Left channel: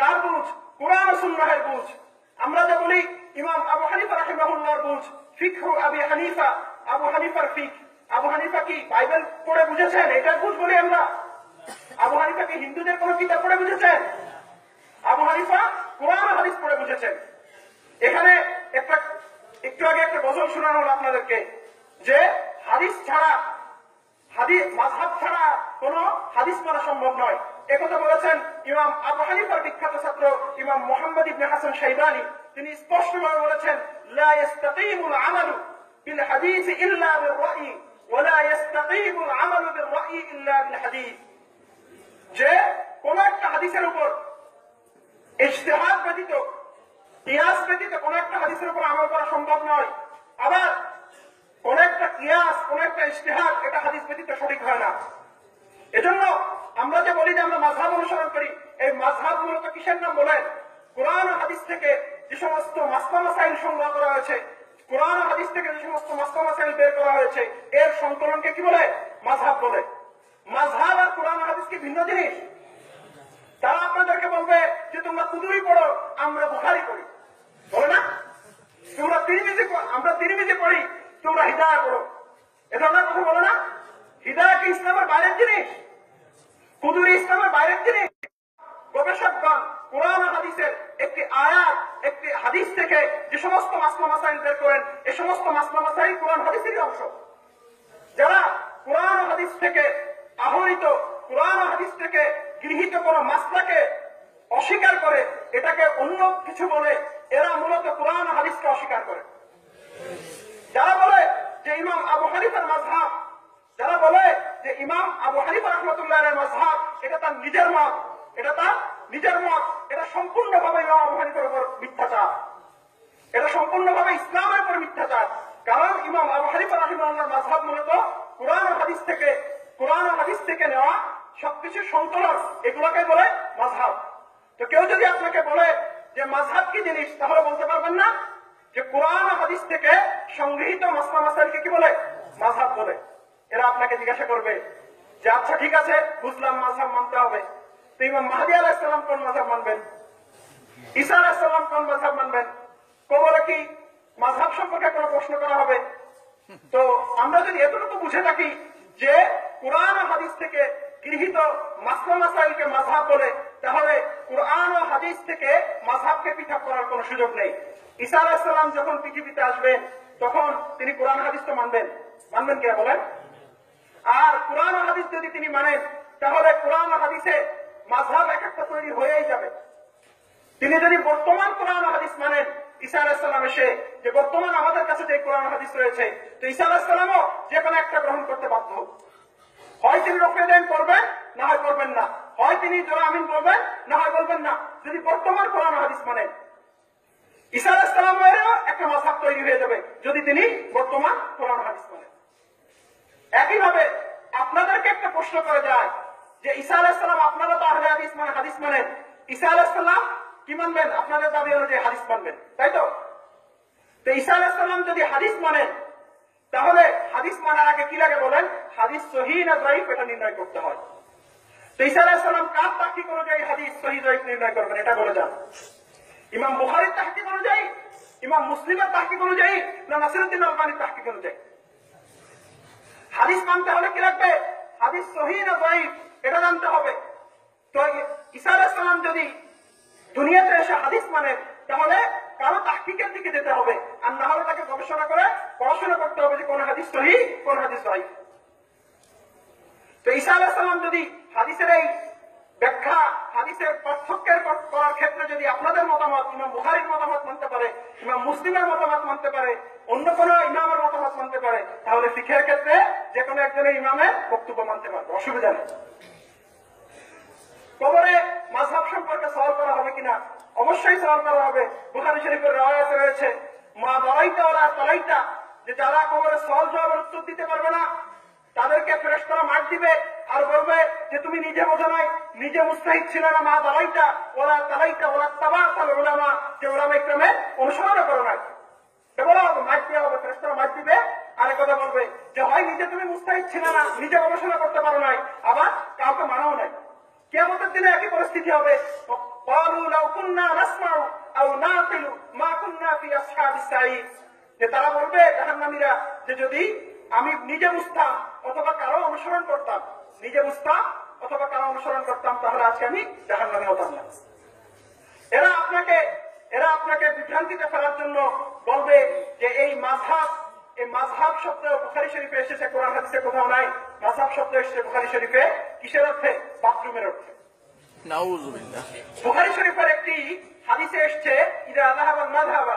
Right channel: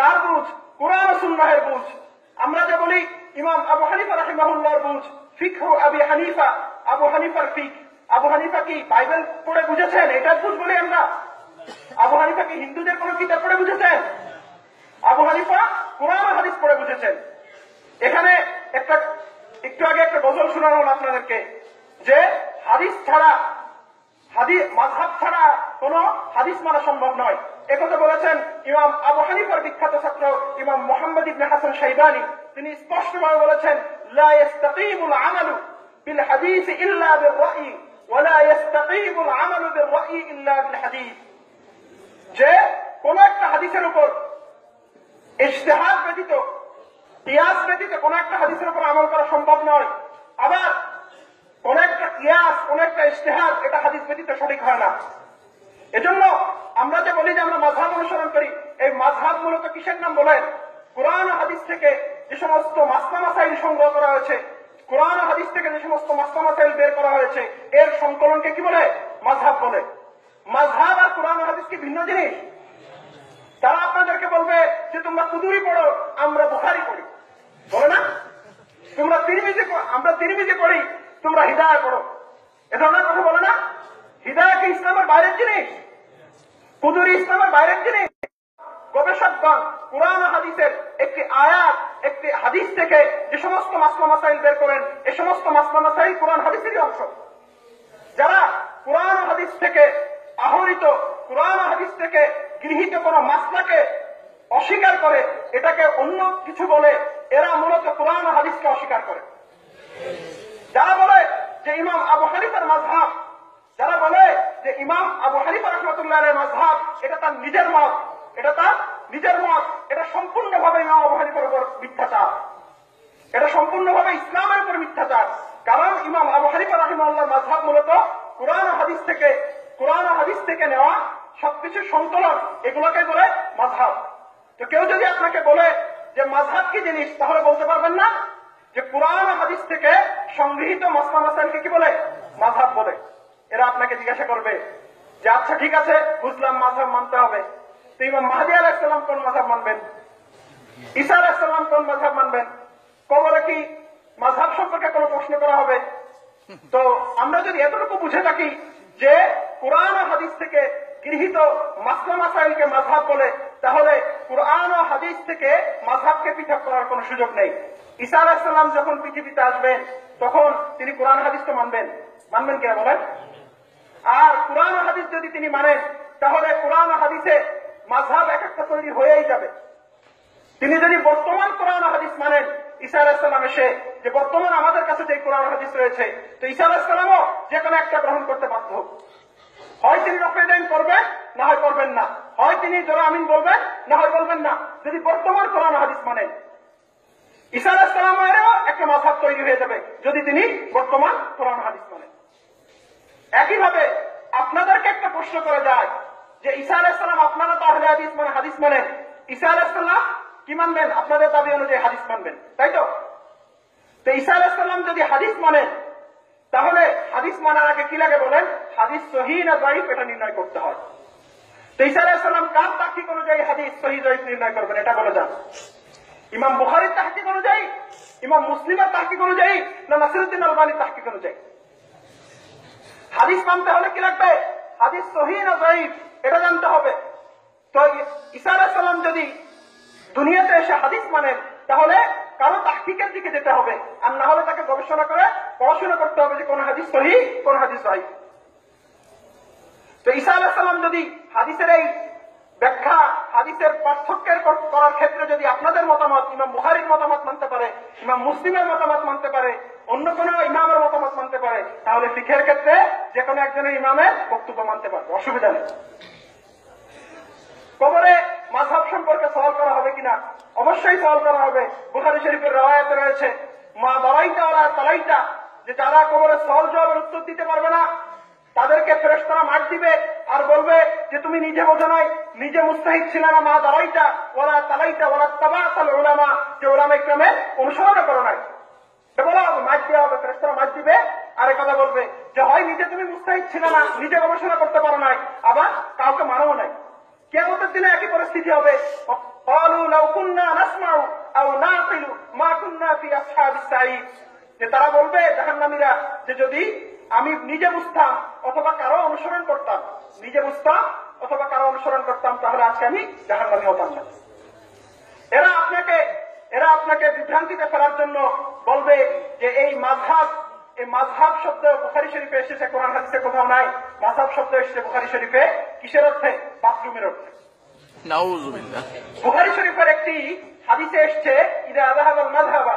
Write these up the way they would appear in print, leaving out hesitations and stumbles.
কার বুঝ? কুরআন ও সুন্নাহের বুঝ। আমরা যে বলি ইমাম আবু হানিফা রাহিমাহুল্লাহর বুঝ, ফিকহু আবি হানিফা, আবু হানিফার ফিক। আবু হানিফা কি বাইবেল পড়ে বুঝেছেন? এটার বুঝ বলি আমরা। আবু হানিফা কি হিন্দুদের কোন কিতাব পড়ে বুঝেছেন? আবু হানিফা কুরআন ও হাদিস পড়ে বুঝেছেন। এখানে একটু আগে একটা গজল শোনানো হলো আপনাদেরকে যে হাদিস ছাড়া, মাযহাব ছাড়া কোন হাদিস মানা সম্ভব নয়। একথা বলেছেন ইমাম আবু হানিফার বিখ্যাত ছাত্র ইমাম মুহাম্মদ ইবনে হাসান শাইবানী। তিনি স্পষ্টভাবে বলেছেন, লা ইস্তাকিমুল আমালু বিল হাদিস ইল্লা বির রাই ওয়া লা ইস্তাকিমুল আমালু বির রাই ইল্লা বিল হাদিস। যে কোন একটা হাদিসের উপর ইজতিহাদ ব্যতীত, কিয়াস ব্যতীত কোন একটা হাদিসের উপর আমল করা সম্ভব নয়। আবার কোন একটা কিয়াস, কোন একটা ইজতিহাদ, এটা হাদিস ব্যতীত সঠিক হয় না। এজন্য আমরা যে বলি যে আমরা মাযহাব অনুসরণ করি, এই মাযহাব মূলত কিসের নাম বলেন? কুরআন ও হাদিস থেকে যে সমস্ত মাসলা মাসাইল সংগ্রহ করা হয়েছে, কুরআন ও হাদিস থেকে যে সমস্ত মাসলা মাসাইল বের করা হয়েছে, এর সংকলনকে কি বলে? মাযহাব বলে। মাযহাব আর কুরআন ও হাদিস কি ভিন্ন জিনিস? তারা আপনাদেরকে বলবে যে তোমরা কুদুরি পড়ো, আমরা বুখারী পড়ি, বলে না? তোমরা আমরা তিরমিজি পড়ি, তোমরা হিদায়া পড়ো, এ ধরনের কথা বলে না? হিদায়া কি ইসলামের বাইরের জিনিস? কুদুরি ইসলামের বাইরের জিনিস? গবেষকগণ কুরআন ও হাদিসের একটি আয়াত, একটি হাদিস থেকে যে সমস্ত মাসলা মাসাইল বের করেন, এই সমস্ত মাসলা মাসাইল কুরআন হাদিসেরই অংশ। যারা কুরআন ও হাদিস থেকে আহরিত, কুরআন ও হাদিস থেকে গৃহীত কোন মাসলাকে অস্বীকার করে, এটাকে অন্য কিছু বলে, এরা মূলত কুরআন ও হাদিসকে অস্বীকার করে। যারা বলে যে ইমাম আবু হানিফার মাযহাব, যারা বলে যে ইমাম আবু হানিফা রাহমাতুল্লাহ আলাইহির মাযহাব, এটা তার নিজের মত, এটা সম্পূর্ণভাবে ইমাম আবু হানিফার উপর মিথ্যাচার, এটা সম্পূর্ণভাবে ইসলামের উপর মিথ্যাচার। কারণ ইমাম আবু হানিফা রাহিমাহুল্লাহর মাযহাব মূলত কুরআন ও হাদিস থেকে নেওয়া সবকিছু সংকলন, এগুলোকে বলে মাযহাব। তো কেউ যদি আপনাকে বলে যে মাযহাব কি জিনিস, তাহলে বলতে পারবেন না যে কুরআন ও হাদিস থেকে সংগৃহীত মাসলা মাসাইলকে কি বলে? মাযহাব বলে। এরা আপনাকে জিজ্ঞাসা করবে যে আচ্ছা ঠিক আছে, বুঝলাম মাযহাব মানতে হবে, তো ইমাম মাহদী আলাইহিস সালাম কোন মাযহাব মানবেন? ঈসা আলাইহিস সালাম কোন মাযহাব মানবেন? কবরে কি মাযহাব সম্পর্কে কোনো প্রশ্ন করা হবে? তো আমরা যদি এতটুকু বুঝে থাকি যে কুরআন ও হাদিস থেকে গৃহীত মাসলা মাসাইলকে মাযহাব বলে, তাহলে কুরআন ও হাদিস থেকে মাযহাবকে পৃথক করার কোনো সুযোগ নেই। ঈসা আলাইহিস সালাম যখন পৃথিবীতে আসবেন, তখন তিনি কুরআন হাদিস তো মানবেন কিনা বলেন? আর কুরআন ও হাদিস যদি তিনি মানেন, তাহলে কুরআন ও হাদিসে মাযহাব এক একটা তৈরি হয়েই যাবে। তিনি যদি বর্তমান কুরআন ও হাদিস মানেন, ঈসা আলাইহিস সালাম এসে যে বর্তমান আমাদের কাছে যে কুরআন ও হাদিস রয়েছে, তো ঈসা আলাইহিস সালামও যে কোনো একটা গ্রহণ করতে বাধ্য। হয় তিনি রফে দান করবেন, না হয় করবেন না। হয় তিনি জোরে আমিন বলবেন, না হয় বলবেন না। যদি বর্তমান কুরআন ও হাদিস মানেন, ঈসা আলাইহিস সালামেরও একটা মাযহাব তৈরি হয়ে যাবে যদি তিনি বর্তমান কুরআন ও হাদিস মানেন। একইভাবে আপনাদেরকে একটা প্রশ্ন করে যায় যে ঈসা আলাইহিস সালাম, আপনারা তো আহলে হাদিস মানে হাদিস মানেন, ঈসা আলাইহিস সালাম কি মানবেন? আপনাদের দাবি অনুযায়ী হাদিস মানবেন, তাই তো? তো ঈসা আলাইহিস সালাম যদি হাদিস মানেন, তাহলে হাদিস মানার আগে কি লাগে বলেন? হাদিস সহিহ না যায়িফ এটা নির্ণয় করতে হয়। তো ঈসা আলাইহিস সালাম কার তাহকিক অনুযায়ী হাদিস সহিহ যায়িফ নির্ণয় করবেন, এটা বলে যান। ইমাম বুখারীর তাহকিক অনুযায়ী, ইমাম মুসলিমের তাহকিক অনুযায়ী, না নাসিরউদ্দিন আলবানীর তাহকিক অনুযায়ী? হাদিস মানতে হলে কি লাগবে? হাদিস সহিহ না যায়িফ এটা জানতে হবে। তো ঈসা আলাইহিস সালাম যদি দুনিয়াতে এসে হাদিস মানেন, তাহলে কারো তাহকিকের দিকে যেতে হবে, আর না হলে তাকে গবেষণা করে পড়াশোনা করতে হবে যে কোন হাদিস সহিহ, কোন হাদিস যায়িফ। তো ঈসা আলাইহিস সালাম যদি হাদিসের এই ব্যাখ্যা, হাদিসের পার্থক্যের করার ক্ষেত্রে যদি আপনাদের মতামত, ইমাম বুখারীর মতামত মানতে পারে, ইমাম মুসলিমের মতামত মানতে পারে, অন্য কোনো ইমামের মতামত মানতে পারে, তাহলে ফিকহের ক্ষেত্রে যে কোনো একজনের ইমামের বক্তব্য মানতে পারবে, অসুবিধা নেই। কবরে মাযহাব সম্পর্কে সওয়াল করা হবে কিনা? অবশ্যই সওয়াল করা হবে। বুখারী শরীফের riwayat রয়েছে, মা দারাইতা ওয়ালা তালাইতা, যে যারা কবরে সওয়াল জবাবের উত্তর দিতে পারবে না, তাদেরকে ফেরেশতারা মার দিবে আর বলবে যে তুমি নিজে বোঝো নাই, নিজে মুস্তাহিদ ছিল না, মা দারাইতা ওয়ালা তালাইতা ওয়ালা তাবাতাল উলামা, যে উলামায়ে কেরামের অনুসরণ করো নাই। বলা হবে, মার দেওয়া হবে, ফেরেশতারা মার দিবে। আর কথা বলবে যে হয় নিজে তুমি মুস্তাহিদ ছিল না, নিজে গবেষণা করতে পারো নাই, আবার কাউকে মানো নাই। কিয়ামতের দিনে একই পরিস্থিতি হবে। ক্বালু লাউ নাসমাউ আও নাকিলু মা কুননা ফি আসহাবিস সাঈদ, যে তারা বলবে জাহান্নামীরা যে যদি আমি নিজে বুঝতাম অথবা কারো অনুসরণ করতাম, নিজে বুঝতাম অথবা কারো অনুসরণ করতাম, তাহলে আজকে আমি জাহান্নামী হতাম না। এরা আপনাকে বিভ্রান্তিতে ফেলার জন্য বলবে যে এই মাযহাব শব্দ বুখারী শরীফে এসেছে, কোরআন হাদিসে কোথাও নাই। মাযহাব শব্দ এসেছে বুখারী শরীফে কিসের অর্থে? বাথরুমের অর্থে। নাউযুবিল্লাহ। বুখারী শরীফের একটি হাদিসে এসেছে ইদা যাহাবাল মাযহাবা,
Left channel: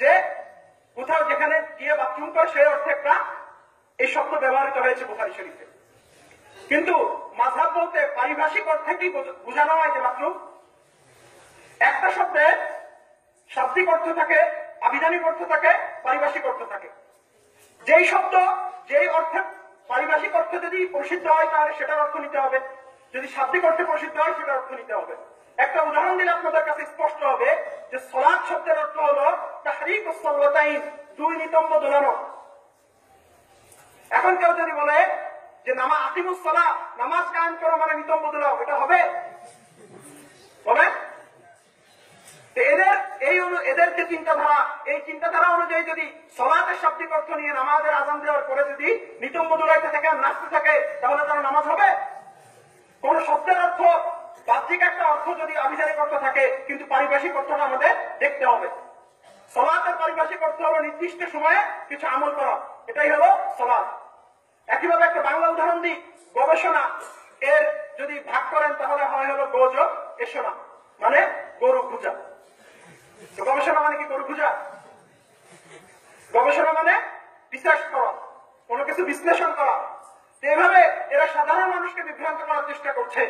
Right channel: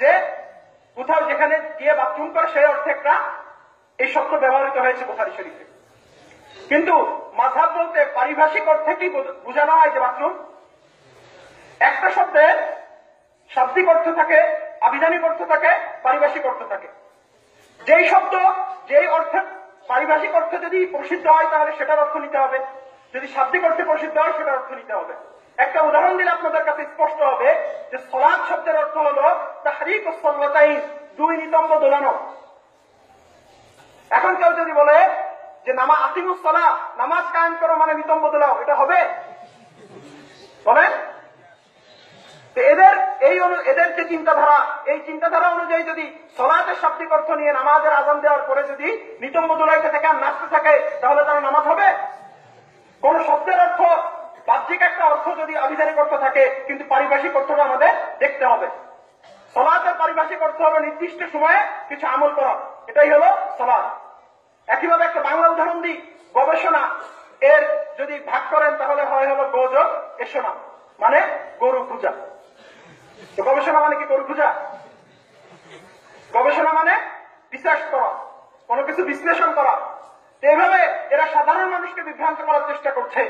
যে কোথাও যেখানে গিয়ে বাথরুম করে সেই অর্থে একটা এই শব্দ ব্যবহৃত হয়েছে বুখারী শরীফে। কিন্তু মাযহাব বলতে পারিভাষিক অর্থে কি বোঝানো হয়? যে বাথরুম। একটা শব্দের শাব্দিক অর্থ থাকে, আবিধানিক অর্থ থাকে, পারিভাষিক অর্থ থাকে। যেই শব্দ যেই অর্থে পারিভাষিক অর্থে যদি প্রসিদ্ধ হয় তাহলে সেটার অর্থ নিতে হবে, যদি শাব্দিক অর্থে প্রসিদ্ধ হয় সেটার অর্থ নিতে হবে। একটা উদাহরণ দিলে আপনাদের কাছে স্পষ্ট হবে যে সালাত শব্দের অর্থ হলো তাহরিকুস সাল্লাতাইন, দুই নিতম্ব দোলানো। এখন কেউ যদি বলে যে আকিমুস সালাহ, নামাজ কায়েম করো মানে নিতম্ব দোলাও, এটা হবে? বলেন। এদের যে চিন্তাধারা, এই চিন্তাধারা অনুযায়ী যদি সলাতের শাব্দিক অর্থ নিয়ে নামাজের আযান দেওয়ার পরে যদি নিতম্ব দোলাইতে থাকে আর নাচতে থাকে, তাহলে তারা নামাজ হবে? কোন শব্দের অর্থ বাহ্যিক একটা অর্থ যদি আবিধানিক অর্থ থাকে, কিন্তু পারিভাষিক অর্থটা আমাদের দেখতে হবে। সলাতের পারিভাষিক অর্থ হলো নির্দিষ্ট সময়ে কিছু আমল করা, এটাই হলো সলাত। একইভাবে একটা বাংলা উদাহরণ দিই, গবেষণা এর যদি ভাগ করেন তাহলে হয় হলো গোযোগ এসোনা, মানে গরু খুঁজা। তো গবেষণা মানে কি গরু খুঁজা? গবেষণা মানে রিসার্চ করা, কোনো কিছু বিশ্লেষণ করা। এইভাবে এরা সাধারণ মানুষকে বিভ্রান্ত করার চেষ্টা করছে।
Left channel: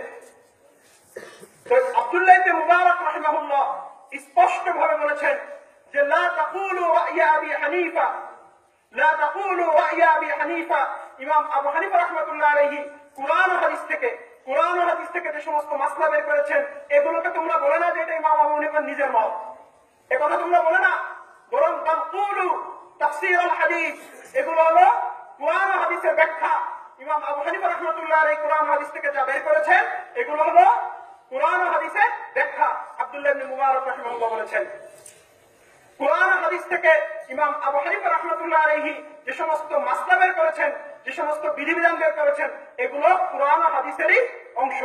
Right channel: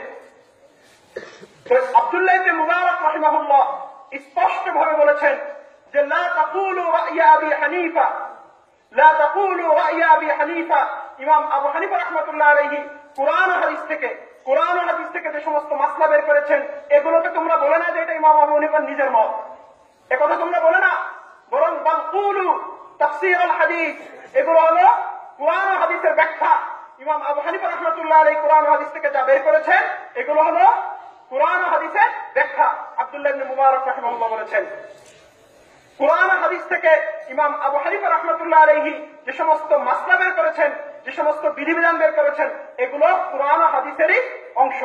আব্দুল্লাহ ইবনে মুবারক রাহিমাহুল্লাহ স্পষ্ট ভাবে বলেছেন যে লা তাকুলু রা'য়া আবি হানিফা, লা তাকুলু রা'য়া আবি হানিফা। ইমাম আবু হানিফা রাহমাতুল্লাহ আলাইহি কুরআন ও হাদিস থেকে যে সমস্ত মাসলা বের করেছেন, এগুলোকে তোমরা বলে না যে এটা ইমাম আবু হানিফার নিজের মত, একথা তোমরা বলে না, বরং বাল কুলু তাফসীর আল হাদিস, এগুলো হলো কুরআন ও হাদিসের ব্যাখ্যা। ইমাম আবু হানিফা রাহমাতুল্লাহ আলাইহি কুরআন ও হাদিস থেকে যা বের করেছেন এগুলো হলো কুরআন ও হাদিসের ব্যাখ্যা। আব্দুল্লাহ ইবনে মুবারক রাহিমাহুল্লাহ বলেছেন কুরআন ও হাদিস থেকে ইমাম আবু হানিফা রাহমাতুল্লাহ আলাইহি যে সমস্ত মাসলা বের করেছেন, যে সমস্ত বিধিবিধান বের করেছেন, এগুলো কুরআন ও হাদিসেরই অংশ।